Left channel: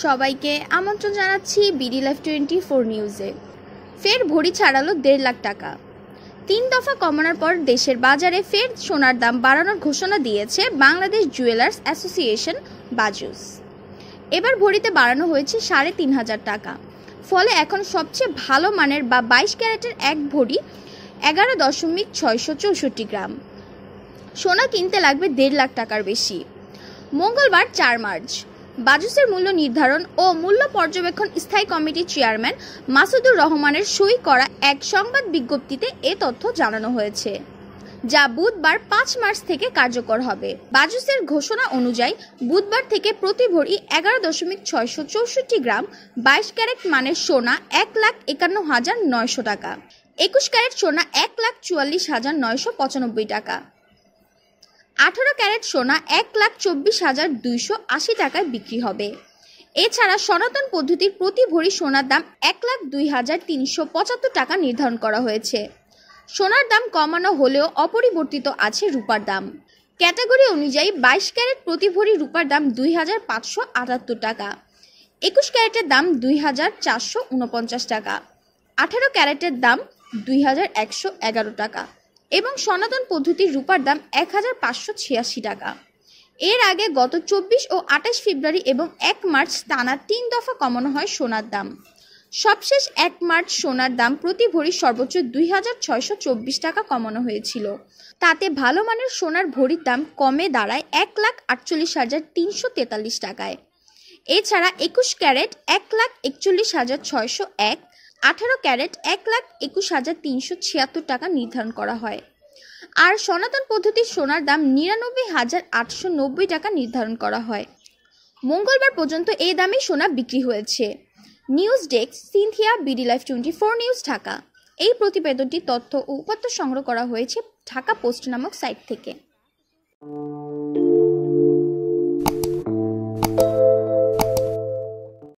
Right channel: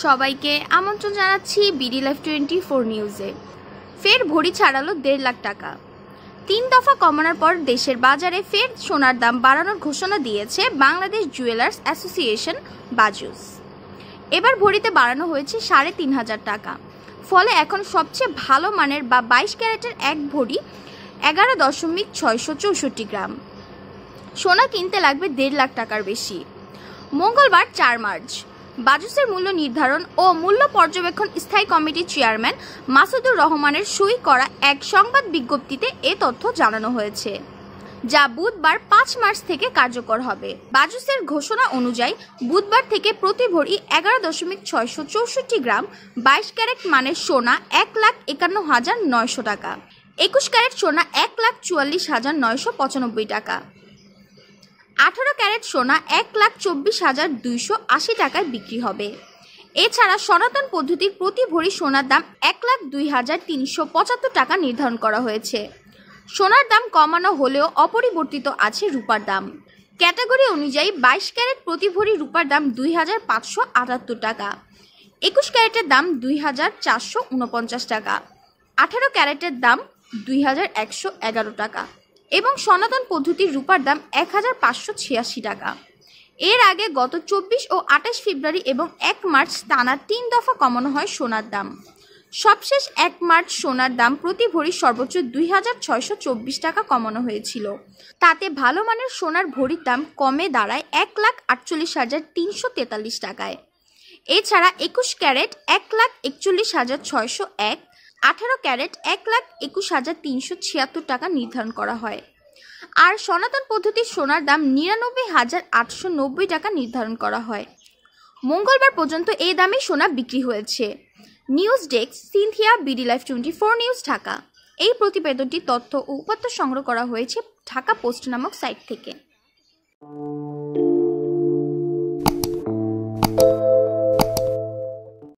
সবাইকে আমন্ত্রণ জানাচ্ছি বিডি লাইভ 24 নিউজে। ফের ভরি ছাড়ালো 1.5 লাখ টাকা। 3 দফা কমানোর পর দেশের বাজারে ফের সোনার দাম বাড়ানোর ঘোষণা দিয়েছে বাংলাদেশ জুয়েলার্স অ্যাসোসিয়েশন বাজুস। এবার ভরিতে বাড়ানো হয়েছে 3,500 টাকা। ফলে এখন সবচেয়ে ভালো মানের বা 22 ক্যারেটের এক ভরি 11.664 গ্রাম সোনা কিনতে লাগবে 1.5 লাখ টাকার বেশি। মঙ্গলবার 4 মার্চ বাজুসের মূল্য নির্ধারণ ও মূল্য পর্যবেক্ষণ স্থায়ী কমিটির চেয়ারম্যান মাসুদুর রহমানের সই করা এক সংবাদ বিজ্ঞপ্তিতে এ তথ্য জানানো হয়েছে, যা বুধবার 5 মার্চ থেকে কার্যকর হবে। বাজুসের ঘোষণা অনুযায়ী বুধবার থেকে প্রতি ভরি 11.664 গ্রাম 22 ক্যারেট মানের সোনা 1,51,900 টাকা, 21 ক্যারেট সোনা 1,44,995 টাকা, 18 ক্যারেট সোনা 1,24,280 টাকায় বিক্রি হবে। এছাড়া সনাতন পদ্ধতির প্রতি ভরি সোনার দাম 1,02,375 টাকা নির্ধারণ করা হয়েছে। সোনার দাম কমানো হলেও অপরিবর্তিত আছে রূপার দাম। ক্যাটাগরি অনুযায়ী 22 ক্যারেট প্রতি ভরি রূপার দাম 2,578 টাকা, 21 ক্যারেটের দাম 2,449 টাকা, 18 ক্যারেটের দাম 2,111 টাকা এবং সনাতন পদ্ধতির রূপার দাম 1,586 টাকা। এর আগে গত 24 ও 28 ফেব্রুয়ারি এবং 1 মার্চ টানা 3 দফা কমানো হয় সোনার দাম। সবশেষ 1 মার্চ সোনার দাম প্রতি ভরি সর্বোচ্চ 2,624 টাকা কমানো হয়েছিল। তাতে ভালো মানের সোনার ভরির দাম কমে দাঁড়ায় 1,48,343 টাকায়। এছাড়া 21 ক্যারেট 1,41,601, 18 ক্যারেট 1,21,376 টাকা নির্ধারণ করা হয়। আর সনাতন পদ্ধতির সোনার দাম 99,890 টাকা নির্ধারণ করা হয়। মঙ্গলবার পর্যন্ত এই দামে সোনা বিক্রি হয়েছে। News desk, Sinthia, BD live 24 news, Dhaka. এই প্রতিবেদনটি তথ্য ও উপাত্ত সংগ্রহ করা হয়েছে ঢাকা পোস্ট নামক সাইট থেকে।